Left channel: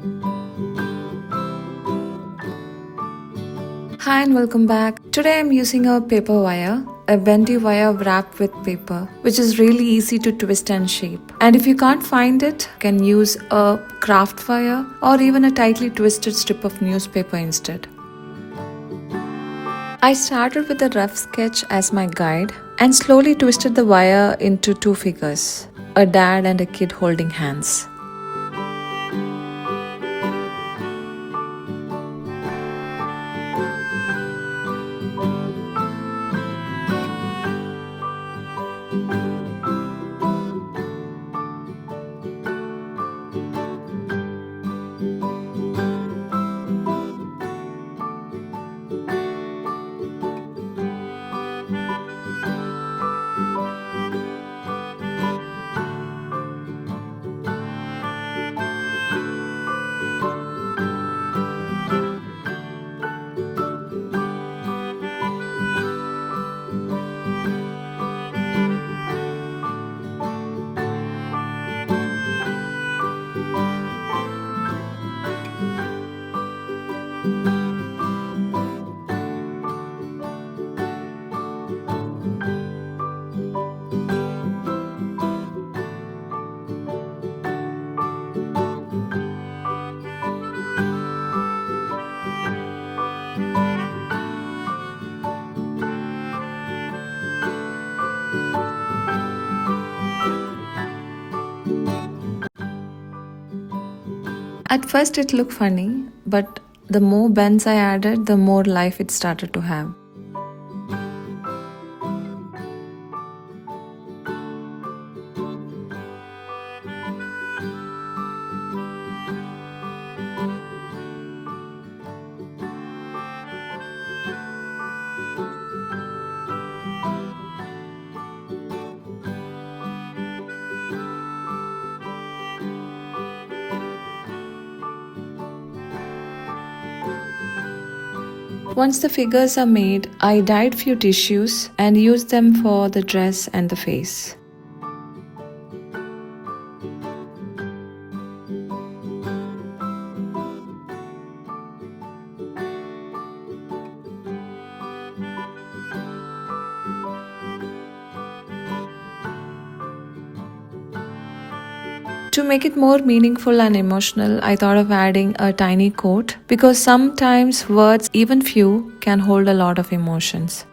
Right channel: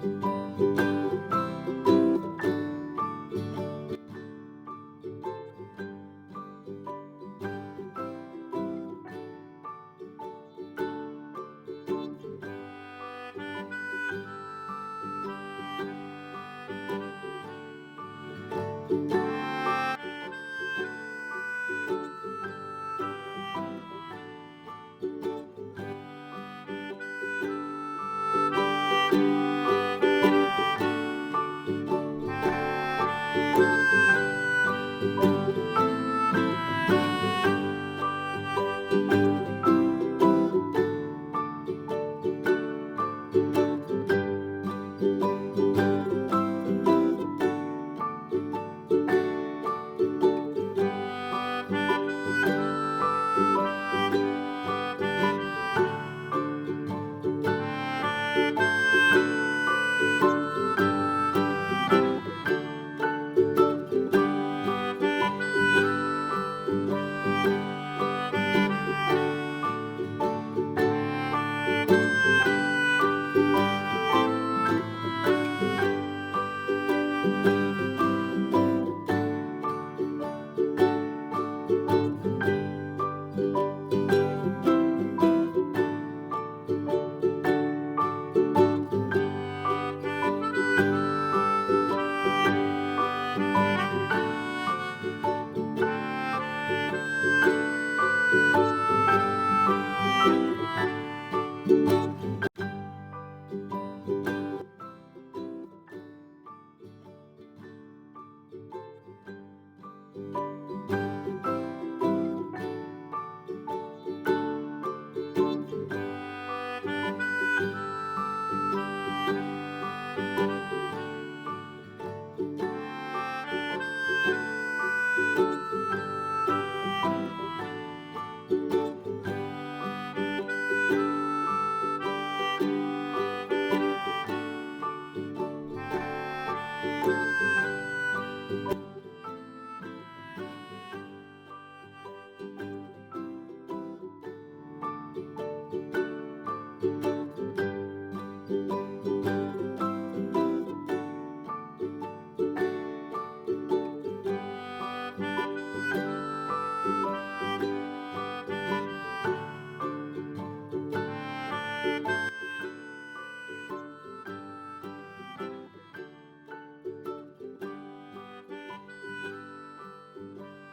Hi and welcome back. Today I'm using a paper wire, a bendy wire wrapped with paper, which is really easy to twist and shape. And if you can't find it, you can use a craft wire or even a tightly twisted strip of newspaper instead. I started with a rough sketch as my guide and slowly twisted the wire into two figures, a dad and a kid holding hands. At first it looked funny, but the more bends I added, the more life it started to have. Once the figures are made, I dyed few tissues and used them for the dress and the face. To make it more meaningful and emotional, I thought of adding a tiny quote because sometimes words, even few, can hold a lot of emotions.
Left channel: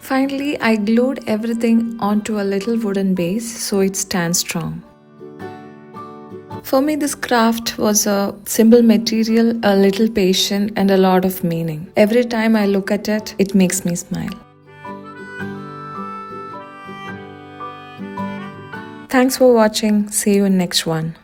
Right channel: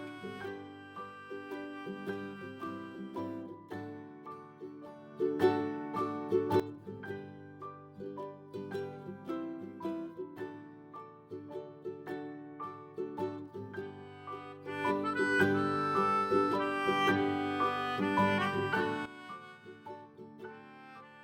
Finally, I glued everything onto a little wooden base so it stands strong. For me, this craft was a simple material, a little patience, and a lot of meaning. Every time I look at it, it makes me smile. Thanks for watching. See you in next one.